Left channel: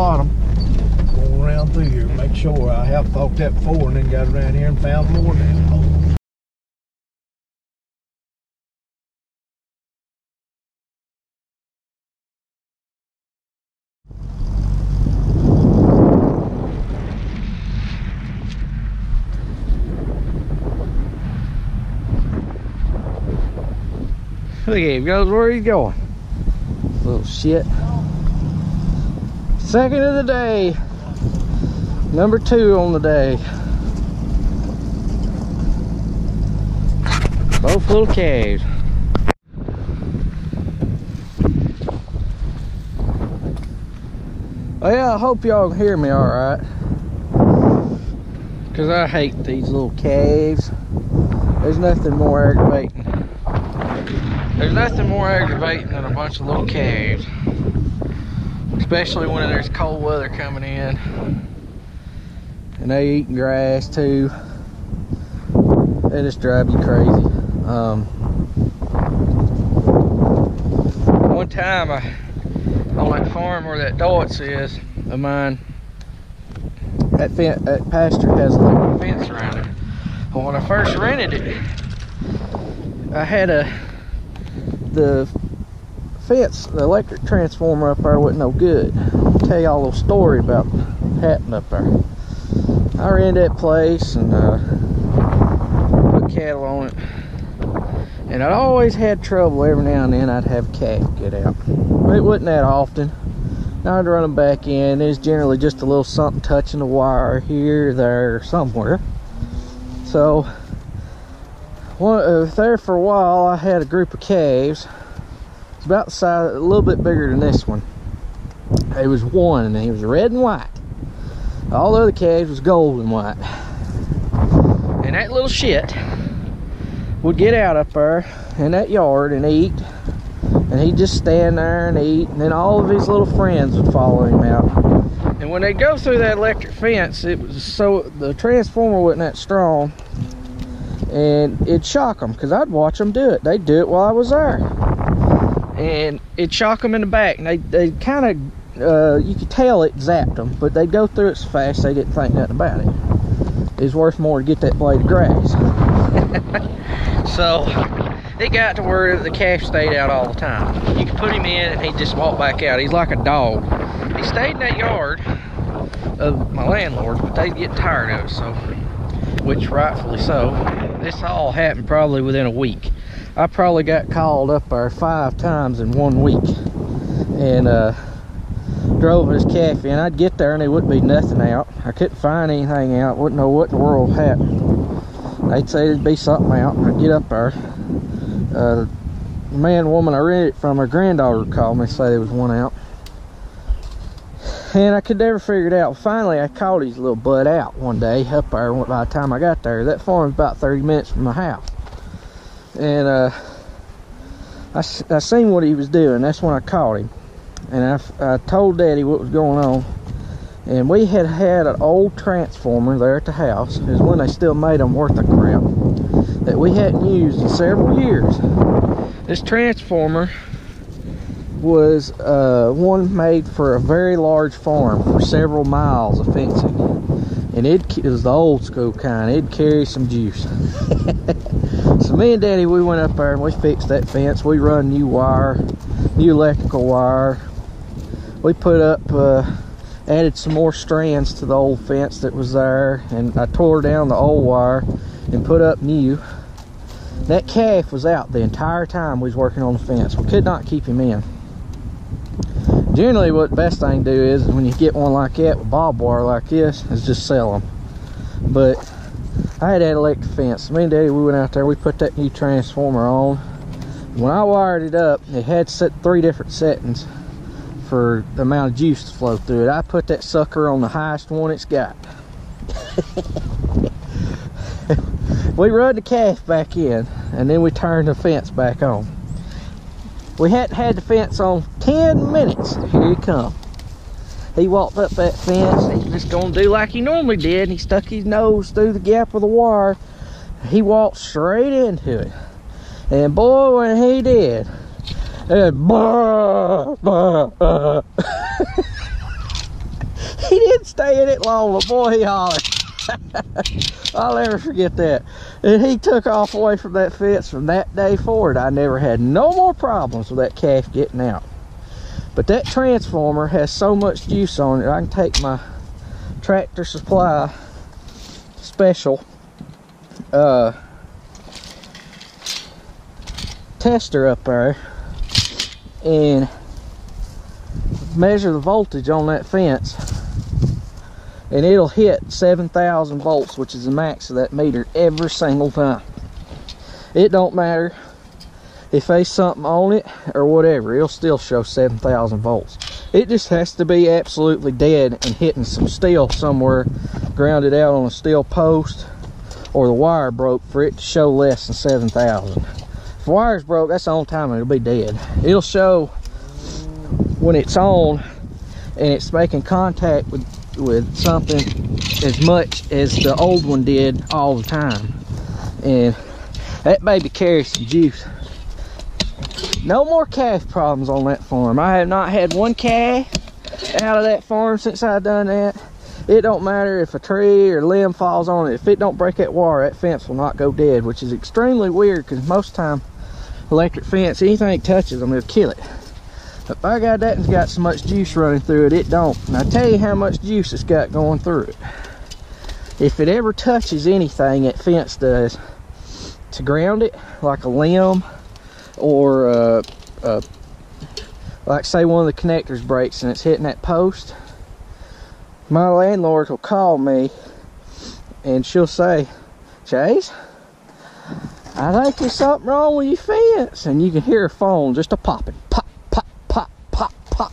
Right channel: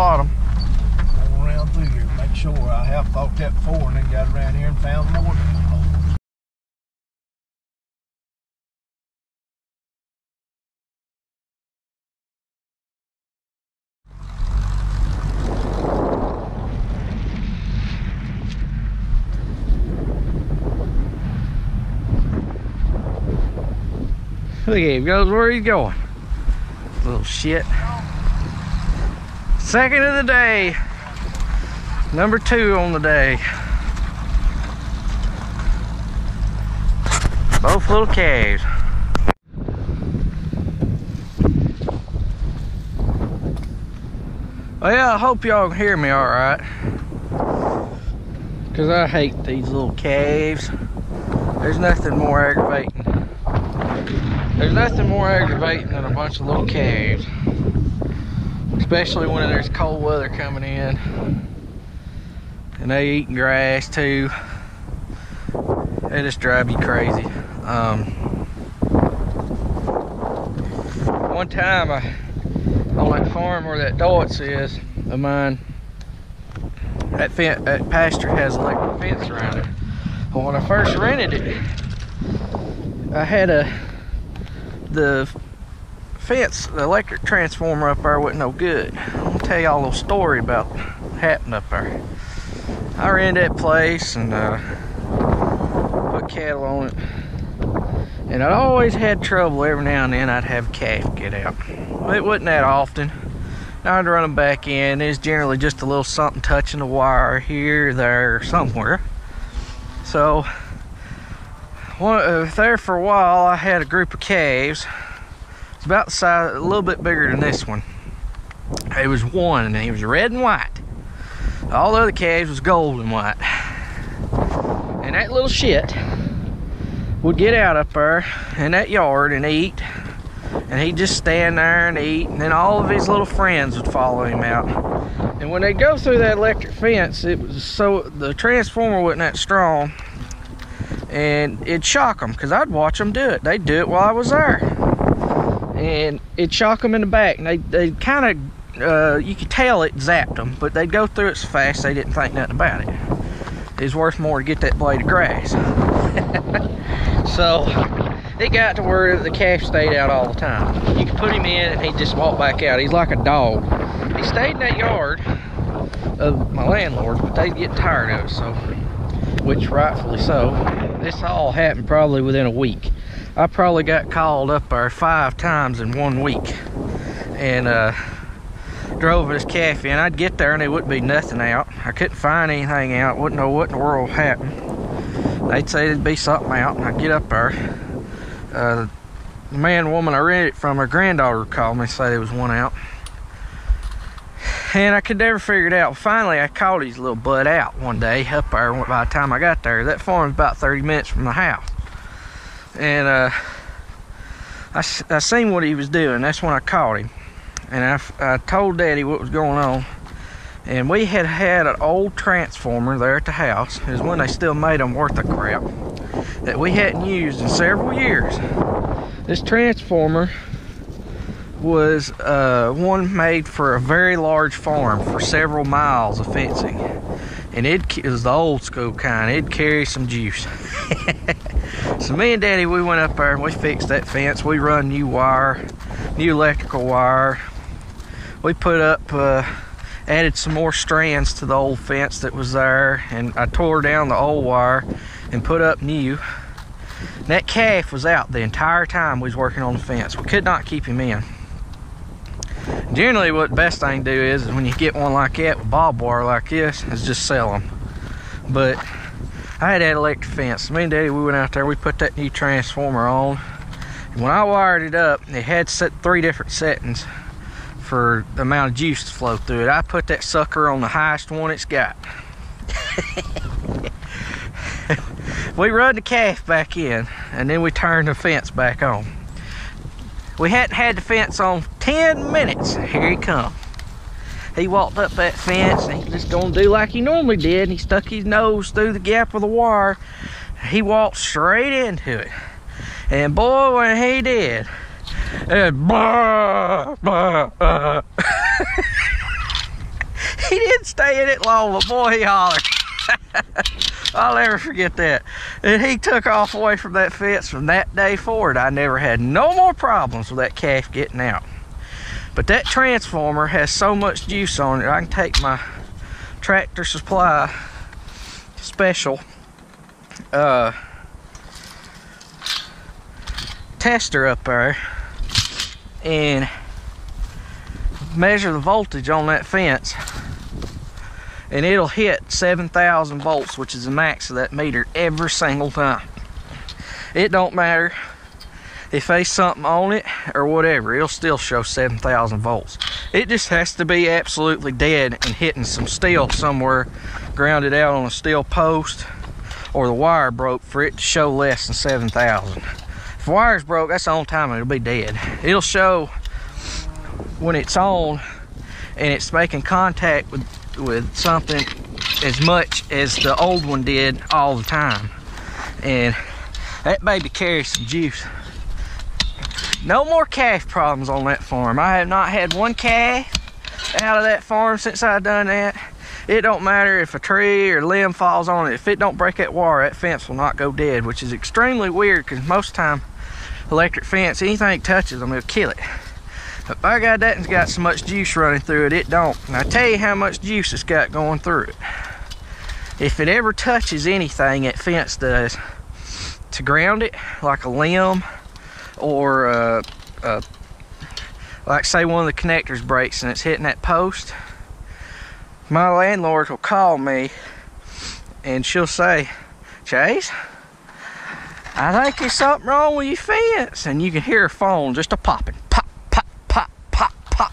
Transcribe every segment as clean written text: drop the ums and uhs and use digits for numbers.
bottom. Going around through here, make sure. I have thought that before and then got around here and found more manholes. Look at him, goes where he's going. Little shit. Second of the day. Number 2 on the day. Both little calves. Well, I hope y'all can hear me alright. Because I hate these little calves. There's nothing more aggravating. There's nothing more aggravating than a bunch of little calves. Especially when there's cold weather coming in. And they eating grass too. They just drive you crazy. One time on that farm where that Deutz is of mine, that pasture has electric fence around it. Well, when I first rented it, I had the fence, the electric transformer up there wasn't no good. I'll tell y'all a little story about what happened up there. I rented that place and put cattle on it, and I'd always had trouble. Every now and then I'd have a calf get out. It wasn't that often. I'd run them back in. There's generally just a little something touching the wire here, there, somewhere. So there for a while I had a group of calves. It's about the size, a little bit bigger than this one. It was one, and he was red and white. All the other calves was gold and white. And that little shit would get out up there in that yard and eat. And he'd just stand there and eat, and then all of his little friends would follow him out. And when they go through that electric fence, it was so the transformer wasn't that strong, and it'd shock them, because I'd watch them do it. They'd do it while I was there, and it'd shock them in the back, and they kind of you could tell it zapped them, but they'd go through it so fast they didn't think nothing about it. It was worth more to get that blade of grass. So it got to where the calf stayed out all the time. You could put him in and he'd just walk back out. He's like a dog. He stayed in that yard of my landlord, but they'd get tired of it, so, which rightfully so. This all happened probably within a week. I probably got called up there 5 times in 1 week, and drove this calf in. I'd get there and there wouldn't be nothing out. I couldn't find anything out. Wouldn't know what in the world happened. They'd say there'd be something out, and I'd get up there. The man and woman I rented it from, her granddaughter called me and said there was one out. And I could never figure it out. Finally, I called his little butt out one day up there. By the time I got there, that farm's about 30 minutes from my house. And I seen what he was doing. That's when I caught him. And I told Daddy what was going on. And we had an old transformer there at the house. It was when they still made them worth a crap, that we hadn't used in several years. This transformer was one made for a very large farm for several miles of fencing. And it was the old school kind. It'd carry some juice. So me and Daddy, we went up there and we fixed that fence. We run new wire, new electrical wire. We put up, added some more strands to the old fence that was there, and I tore down the old wire and put up new. That calf was out the entire time we was working on the fence. We could not keep him in. Generally, what the best thing to do is when you get one like that with barbed wire like this, is just sell them. But I had that electric fence. Me and Daddy, we went out there, we put that new transformer on. And when I wired it up, it had set 3 different settings for the amount of juice to flow through it. I put that sucker on the highest one it's got. We run the calf back in, and then we turned the fence back on. We hadn't had the fence on 10 minutes. Here he come. He walked up that fence, and he's just gonna do like he normally did, and he stuck his nose through the gap of the wire. He walked straight into it. And boy, when he did, it blah, blah, stay in it long. The boy, he hollered. I'll never forget that. And he took off away from that fence. From that day forward, I never had no more problems with that calf getting out. But that transformer has so much juice on it, I can take my Tractor Supply special tester up there and measure the voltage on that fence, and it'll hit 7,000 volts, which is the max of that meter every single time. It don't matter if there's something on it or whatever, it'll still show 7,000 volts. It just has to be absolutely dead and hitting some steel somewhere, grounded out on a steel post, or the wire broke for it to show less than 7,000. If the wire's broke, that's the only time it'll be dead. It'll show when it's on and it's making contact with something as much as the old one did all the time. And that baby carries some juice. No more calf problems on that farm. I have not had one calf out of that farm since I've done that. It don't matter if a tree or limb falls on it. If it don't break that wire, that fence will not go dead, which is extremely weird because most time electric fence, anything it touches them, it'll kill it. But by God, that one's got so much juice running through it, it don't. And I tell you how much juice it's got going through it. If it ever touches anything, that fence does, to ground it, like a limb, or like say one of the connectors breaks and it's hitting that post, my landlord will call me and she'll say, Chase, I think there's something wrong with your fence. And you can hear her phone just a popping, pop, pop, pop, pop, pop.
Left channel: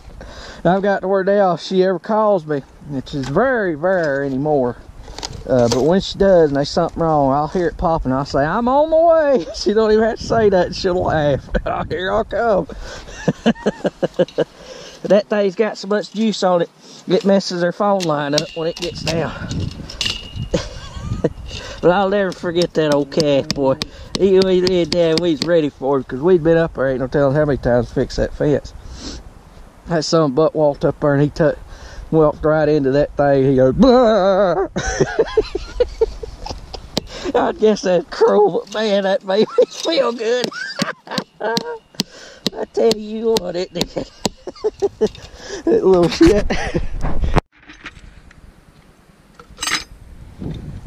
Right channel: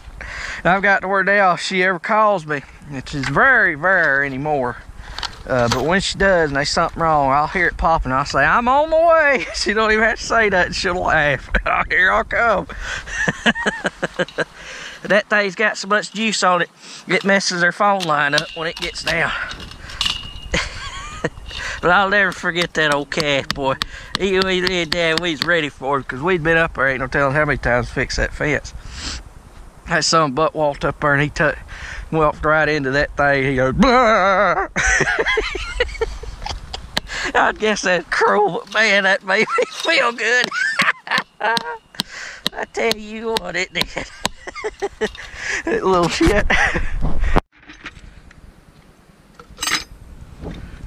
And I've got to where now if she ever calls me, which is very rare anymore, but when she does and there's something wrong, I'll hear it popping. I'll say, I'm on my way. She don't even have to say that. She'll laugh. Here I come. That thing's got so much juice on it, it messes her phone line up when it gets down. But I'll never forget that old calf, boy. We was ready for it because we'd been up there, ain't no telling how many times to fix that fence. That son butt walked up there and he walked right into that thing. He goes, blah! I guess that's cruel, but man, that made me feel good. I tell you what, it did. That little shit.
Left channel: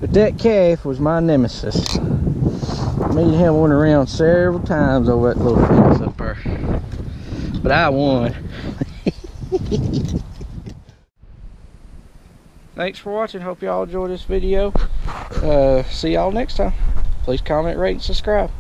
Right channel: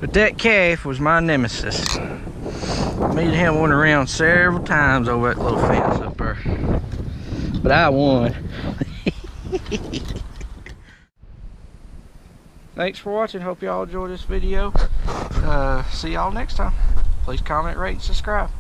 But that calf was my nemesis. Me and him went around several times over that little fence up there. But I won. Thanks for watching. Hope y'all enjoyed this video. See y'all next time. Please comment, rate, and subscribe.